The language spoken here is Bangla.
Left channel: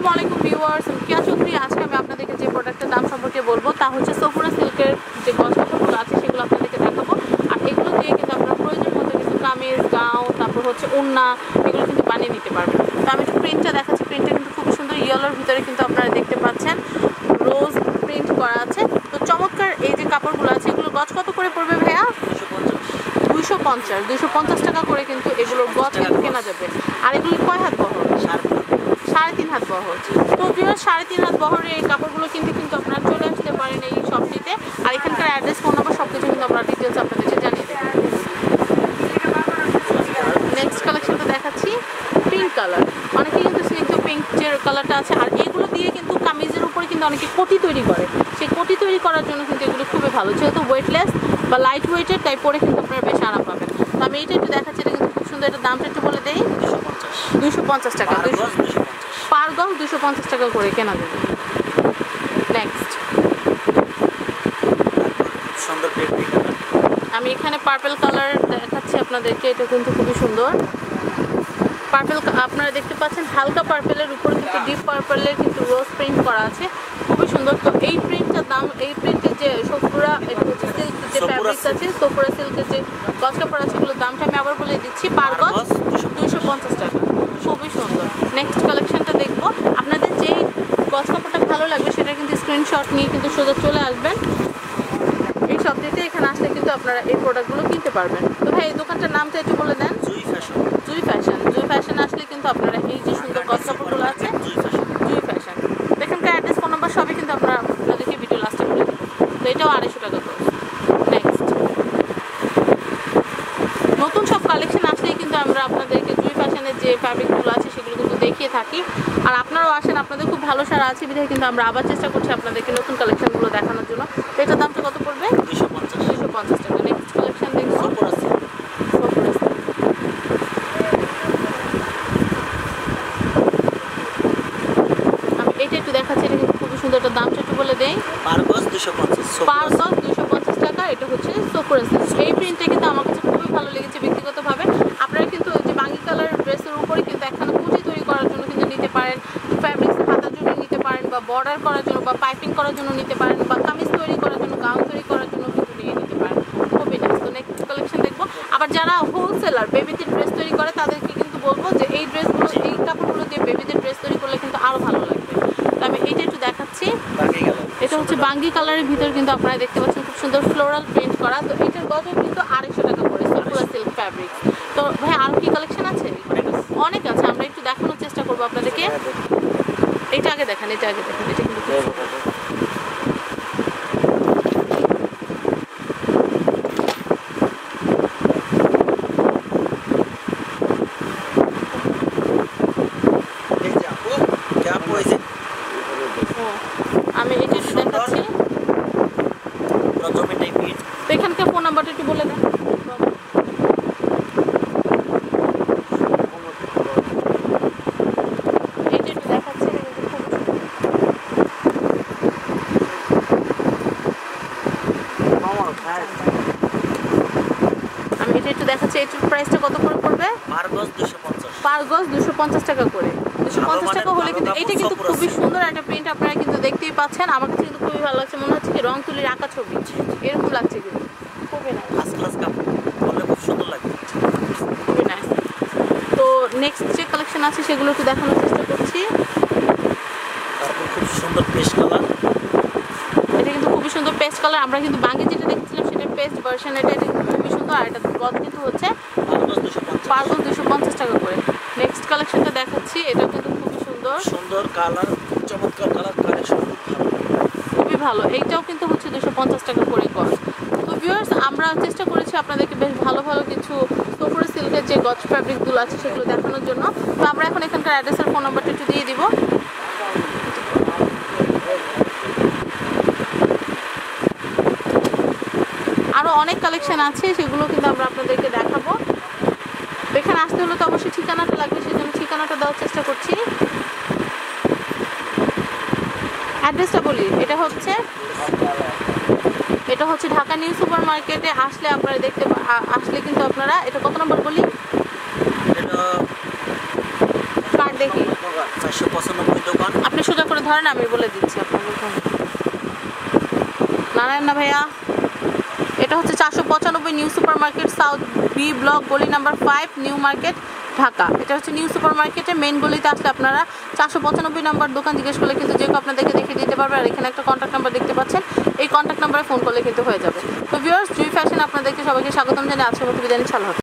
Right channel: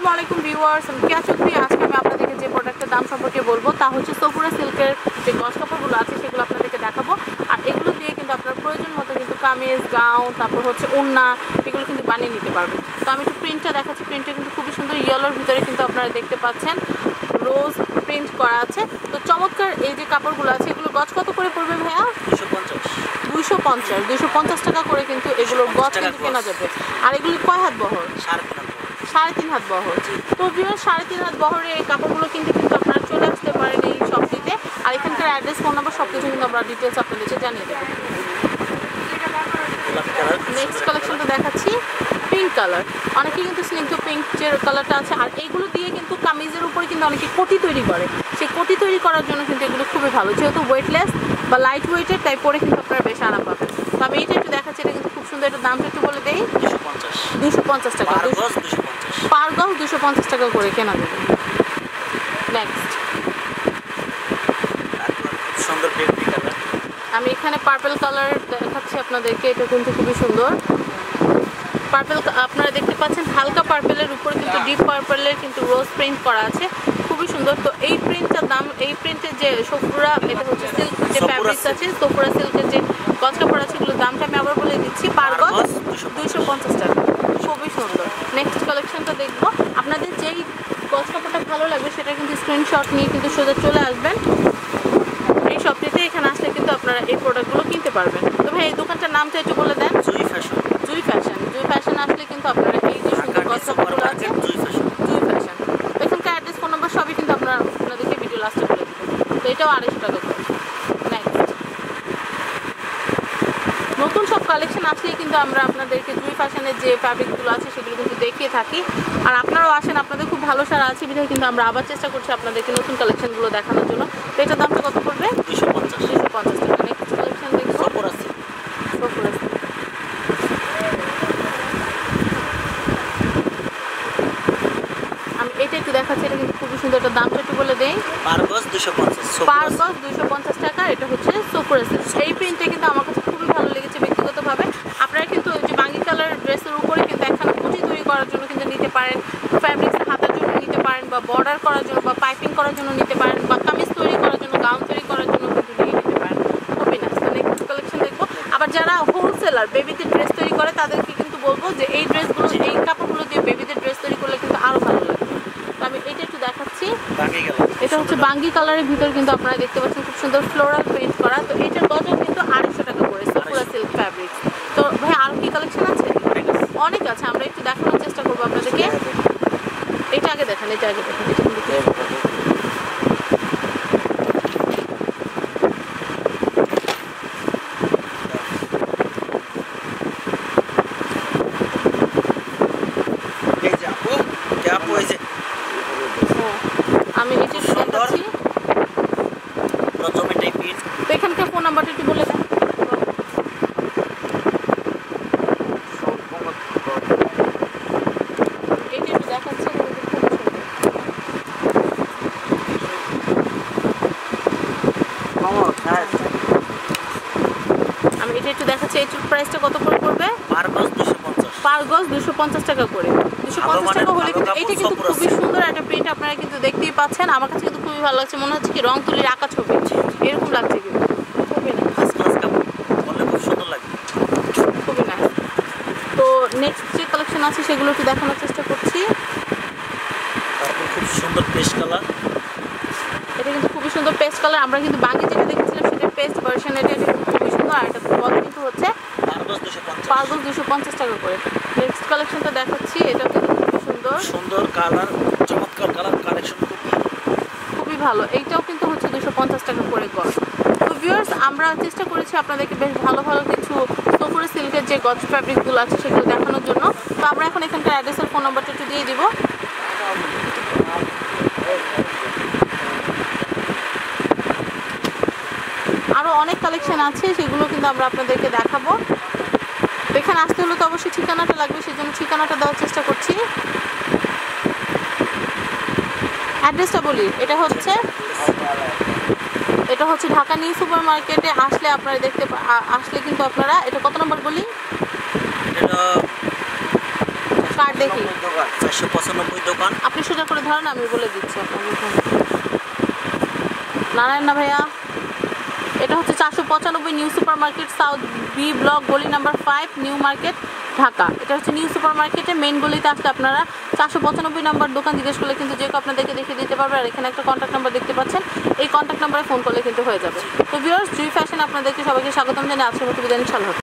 আসসালামু আলাইকুম ভিউয়ার্স আমি কিয়া চৌধুরী। আজকে আমি আপনাদেরকে যে প্রোডাক্টের দাম সম্পর্কে বলব তা হচ্ছে সফুরা সিল্কের যে গজ কাপড়গুলো আছে সেগুলো আপনাদেরকে দেখাবো। আর এগুলো দিয়ে কিন্তু আপনার প্রয়োজন মতো কিন্তু কামিজ গাউন তারপর হচ্ছে ওন্না এগুলো কিন্তু বানিয়ে নিতে পারবেন। তো আমি একটু প্রিন্টটা দেখাচ্ছি প্রিন্টটা কিন্তু খুবই সুন্দর। ইয়েলোর ভিতরে কিন্তু আপনারা দেখতে পাচ্ছেন রোজ প্রিন্ট করা আছে। তো চমৎকার এই যে কাপড়গুলো আছে এগুলো গজ কত করে পড়বে ভাইয়া? দুশো পঞ্চাশ। দুইশো পঞ্চাশ। দুইশো পঞ্চাশ টাকা করে কিন্তু এগুলোর গজ কেনা যাবে। আর এগুলি কয় হাত বহর সাড়ে সাড়ে তিন হাত বহর তো প্রিয় সাড়ে তিন হাত বহরের এই কাপড়গুলো কিন্তু কিন্তু আপনারা চলে আসতে পারেন এই শপটিতে আর এখানকার অ্যাড্রেস ফোন নাম্বার সব কিছু কিন্তু আমরা ডিটেলস আপনাদেরকে জানিয়ে দেবো। নেক্সট কালেকশনটা দেখাচ্ছি। পিঙ্ক কালার অনেকে কিন্তু স্নিগ্ধ পিঙ্ক যে কালারটা আছে। আর এইগুলো দিয়ে কিন্তু কামিজের উপরে কিন্তু অনেকে কোটি তৈরি করে। সেই কোটি তৈরি করার জন্য কিন্তু এগুলো খুবই ভালো। যেহেতু ওয়েটলেস বা লাইট ওয়েটের তাই পরে কিন্তু আপনারা বেশ আরাম পাবেন। তো আমি এইটা একটু দেখাচ্ছি এটা কিন্তু খুব সুন্দর। এটা দামটা একটু বলে দেই। দুশো পঞ্চাশ। টাকা পার 200 গজ দুশো পঞ্চাশ টাকা করে কেনা যাবে। নেক্সট আমি এখানে পার্পল কালার দেখাচ্ছি আপনাদেরকে। এটা কিন্তু খুবই সুন্দর। পার্পল আপনারা দেখতে পাচ্ছেন হালকা পার্পেলের উপরে কিন্তু ডিপ পার্পেলের কিন্তু রোজ প্রিন্ট করা আছে। খুবই সুন্দর। তো এই প্রিন্টটার দাম এই প্রিন্টের যে সপুরা এটা হচ্ছে সিল্ক যে ফ্যাব্রিক্স আছে সপুরা সিল্কের যে গজ কাপড় আছে এগুলোর দামটা আমি আবার বলে দিচ্ছি। পার গজ দুইশো পঞ্চাশ টাকা। খুবই সুন্দর। নেক্সট কালেকশনটা দেখব। আপনাদের যেই গজ কাপড়টা ভালো লাগবে সেটা কিন্তু স্ক্রিনশট নিয়ে কিন্তু সোজা চলে আসবেন। এই শপটিতে এখানে আসলে কিন্তু আপনারা এই প্রোডাক্টগুলো কিনতে পারবেন। তো ভাই এই দোকানটার নামটা একটু বলে দেন। Jui fashion. Jui fashion. Fashion আসলে কিন্তু আপনারা এই যে সুন্দর কাপড়গুলো আছে জুই ফ্যাশন এখানকার অ্যাড্রেস ফোন নাম্বার সবই কিন্তু আপনারা আপনাদেরকে ভিডিও লাস্টে দেবো। তো এটাও আড়াইশো টাকা করে। নেক্সট নতুন সব কালেকশন আসলেই কিন্তু আমরা আপনাদেরকে জুই ফ্যাশনের যে ফ্যাব্রিকগুলো আছে সেগুলো কিন্তু দেখিয়ে থাকি। আর আপনারাও আসেন আপনাদের খুব ভালো সারা আছে বিধায় কিন্তু আমরা আবার চেষ্টা করছি আপনাদেরকে নতুন কালেকশনগুলো দেখানোর জন্য। তো এটার দামটা কত পড়বে? দুশো পঞ্চাশ। দুশো পঞ্চাশ টাকা। নেক্সট কালেকশন দেখব। সপর আছে সফুরা silk। আমি এটা একটু দেখাচ্ছি এটা কিন্তু খুবই সুন্দর একটা দামটা একটু বলে দেই। পার গজ দুশো পঞ্চাশ পার গজ দুইশো পঞ্চাশ টাকা এটা হচ্ছে সোফুরা সিল্ক এই প্রিন্টটা কিন্তু আমার কাছে খুবই ভালো লেগেছে ব্যক্তিগতভাবে। আপনারা কিন্তু ওই যে বাঙ্গি কালার ড্রেসের উপরে কিন্তু একখানা কুচি তৈরি করার জন্য কিন্তু নিতে পারেন ফ্যাব্রিক্স হাতার জন্য নিতে পারেন বা বর্ডার করার জন্য বা পাইপিং করার জন্য নিতে পারেন বা কামিজ তৈরি করার জন্য গাউন তৈরি করার জন্য কিন্তু নিয়ে নিতে পারেন। খুবই নাইস তো নেক্সট কালেকশন দেখব। আবার যারা হোলসেলার বেবিদের ড্রেস তৈরি করে তাদেরকে কিন্তু বলব যে এই ড্রেসগুলো এই কাপড়গুলো দিয়ে বেবিদের ড্রেস তৈরি করলে কিন্তু আরও ভালো লাগবে তো আমি এইটা একটু দেখাচ্ছি। এটা হচ্ছে বাঙ্গি কালারের ভিতর কিন্তু আপনারা দেখতে পাচ্ছেন খুব সুন্দর ফ্লোরাল প্রিন্ট করা। তো এটার গজও কিন্তু আড়াইশো টাকা করে সফুরা সিল্ক ফ্যাব্রিক তো ভাই আরও কি কালেকশন আছে? অনেক আছে। অনেক আছে আমরা একটু দেখানোর চেষ্টা করব আপনাদেরকে। এটা আগে দেখান এটা আগে দেখান এটা কিন্তু খুব সুন্দর। এই যে আপু কে আপু এই যে হ্যাঁ। আমি এই যে। দেখাচ্ছি তো এখানকার ফোন নাম্বারটা একটু বলে দেন। এটা একটু দেখাচ্ছি এটার প্রাইসটা কত করে পড়বে? পার গজ দুশো পঞ্চাশ। পার গজ দুশো পঞ্চাশ টাকা করে। দুশো ভালো পঞ্চাশ টাকা হলে কিন্তু এটা কিন্তু খুবই সুন্দর একটা প্রিন্ট আপনারা কিন্তু দেখতেই পাচ্ছেন। আমার কাছে কিন্তু খুবই ভালো লাগছে মনে হচ্ছে কি রং তুলির আঁকা ছবি। এরকম লাগছে কিন্তু। খুবই nice, ফার্স্ট ক্লাস কাপড় বললে খুব সুন্দর লাগবে খুবই নাইস তো নেক্সট যে কালেকশন আছে সেগুলো একটু দেখানোর চেষ্টা করছি। তারপর খুব সুন্দর পেস্ট কালার এটা কিন্তু খুবই সুন্দর পেস্ট কালার আমরা কিন্তু বাঙ্গি যেটা দেখেছিলাম সেটা পেস্ট ভার্সন এটা খুবই সুন্দর আর এটা গজ কিন্তু হচ্ছে গজ দুশো দুশো পঞ্চাশ টাকা করে। নেক্সট কালেকশনটা দেখাচ্ছি এটা কিন্তু খুবই সুন্দর। সুন্দর কালার চমৎকার কালার কালেকশন খুবই ভালো। এইটাও কিন্তু হচ্ছে দুশো পঞ্চাশ টাকা করে গজ। তো ভিউয়ার্স আমরা চেষ্টা করেছি আপনাদেরকে বেশ ভালো ভালো কিছু কপুরে সিল্কের যে গজ ফ্যাব্রিকগুলো আছে সেগুলো দেখানোর জন্য। তো আমরা এখন এখানকার অ্যাড্রেসের ফোন নাম্বারটা একটু দিয়ে দিব। অনেক কালেকশন আছে সেগুলো কিন্তু আমরা আপনাদেরকে দেখাবো। এখানে আসতে হলে তো অবশ্যই ঠিকানাটা লাগবে সেই জন্য ঠিকানাটা দেওয়ার চেষ্টা করছি। অ্যাড্রেসটা বলি এটা হচ্ছে এটা হচ্ছে ঢাকা নিউ সুপার মার্কেটে আসলে আপনারা দেখতে আসলে কিন্তু আপনারা এটা কত নম্বর বলি? এটা কার্ড দেখি। চারশো পঁচানব্বই দোকান। আপনি সোজা করে ধরেন আমি বলে দিচ্ছি আপনাকে নারায়ণ না ভাইয়া? এটা হচ্ছে চারশো পঁচানব্বই new super market south B block, গলি number five new market, Dhaka. এটা হচ্ছে নিউ সুপার মার্কেটে মেন গলিতে আসলে আপনারা চারশো পঁচানব্বই নাম্বার দোকান জিজ্ঞেস করলে কিন্তু যে আপনাদেরকে দেখে দিতে পারবে, আর এখানে একটা কন্ট্যাক্ট নাম্বার দেখতে পাচ্ছেন। এই কন্ট্যাক্ট নাম্বারে ফোন করলে কিন্তু হয়ে যাবে। তো ভিউয়ার্স জুই ফ্যাশন আপনাদেরকে সবাইকে স্বাগতম জানিয়ে আজকের মতো বিদায় ইনশাল্লাহ